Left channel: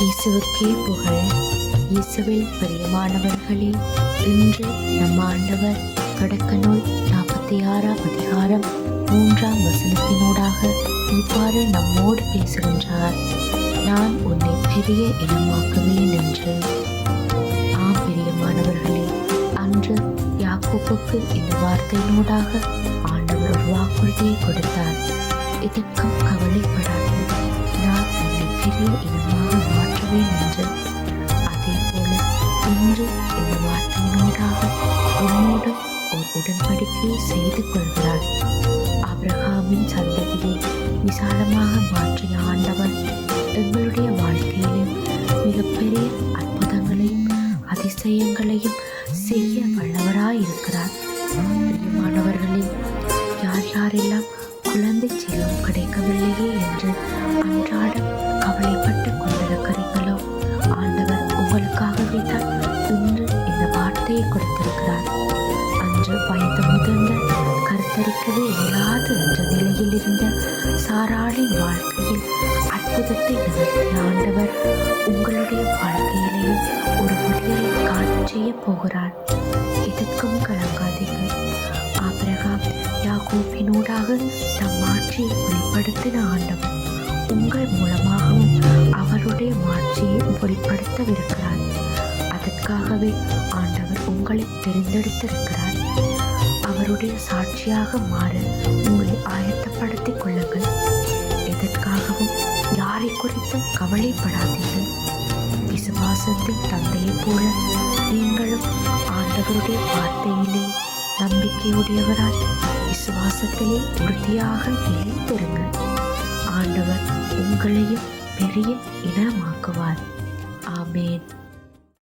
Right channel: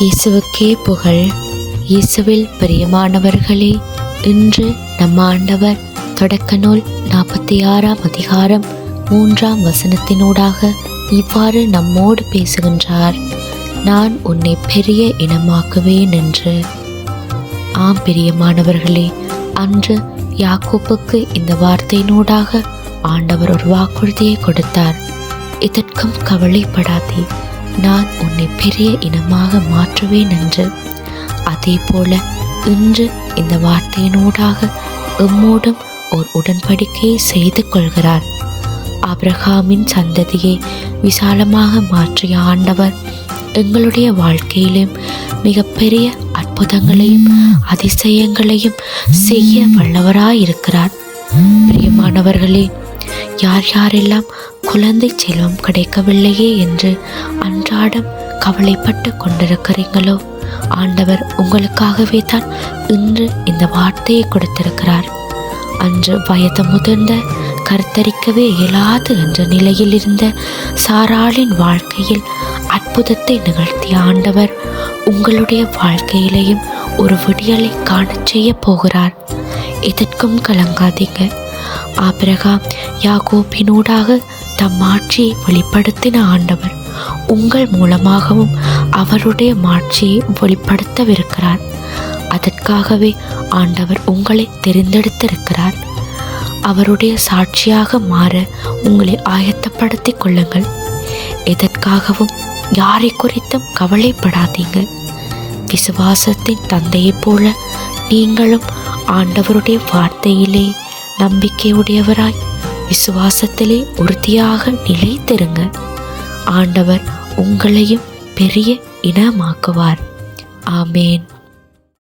இயேசுவுக்கே புகழ். இயேசுவில் பிரியமானவர்களே, இன்று நம் ஆண்டவர் தொடக்க நூல் 46ஆம் அதிகாரம் 3ஆம் வசனத்தினூடாக இவ்வாறு நம்மோடு பேசுகின்றார். நான் உன்னை பெரிய இனமாக்குவேன் என்று. ஆம் பிரியமானவர்களே, அன்று யாக்கோப்புக்கு இந்த வார்த்தையினூடாக ஆண்டவர் ஒரு வாக்குறுதியை கொடுத்தார். இதற்கும் கவலைப்படாதே, நான் உன்னை பெரிய இனமாக மாற்றுவேன் என்று. அதே போல இன்று இந்த வார்த்தையினூடாக எம்மோடும் ஒரு உடன்படிக்கையை செய்து கொள்கிறார். ஆபிரகாமின் சந்ததியை விசாலமாக மாற்றிய ஆண்டவர் எங்களுடைய வாழ்க்கையிலும் மிகப்பெரிய அற்புதங்களையும் அதிசயங்களையும் செய்ய வல்லவராயிருக்கிறார். பிரியமானவர்களே, யார் யாரெல்லாம் குழந்தை செல்வம் கிடைக்கவில்லையே என்று அன்றாடம் கவலைப்பட்டு கொண்டிருக்கிறீங்களோ, ஆண்டவர் உங்களுக்காகவே தான் இன்று இந்த வார்த்தையை கொடுத்திருக்கிறார். அன்று வயது முதிர்ந்த கருத்தரிக்கவே இயலாது என்ற நிலையில் இருந்த சாராளின் வாழ்க்கையில் அற்புதத்தை நிகழ்த்திய ஆண்டவர் உங்களுடைய வாழ்க்கையிலேயும் ஒரு விடியலை காணச் செய்ய போகிறார். இதற்கும் கலங்காதீங்க. ஆபிரகாம் யாக்கோபினூடாக தம் மாட்சியை வெளிப்படுத்தின ஆண்டவர் உங்கள் மூலமாகவும் அவருடைய மாட்சியை வெளிப்படுத்தவிருக்கிறார். அதற்காகவே ஆண்டவர் உங்களை தெரிந்தெடுத்திருக்கிறார். அவருடைய சாட்சியாக மாற உங்களை ஆயத்தப்படுத்தி கொள்ளுங்கள். எதற்காகவும் யாரை குறித்தும் கவலைப்படாதீங்க. விசுவாசத்தின் தந்தையைப் போல நீங்களும் ஆண்டவருடைய வார்த்தையிலே நம்பிக்கையுடையவராய் விசுவாசத்திலே உறுதியாக நிலைத்திருங்க. ஆண்டவர் உங்களையும் பெரிய இனமாக்குவார். ஆமேன்.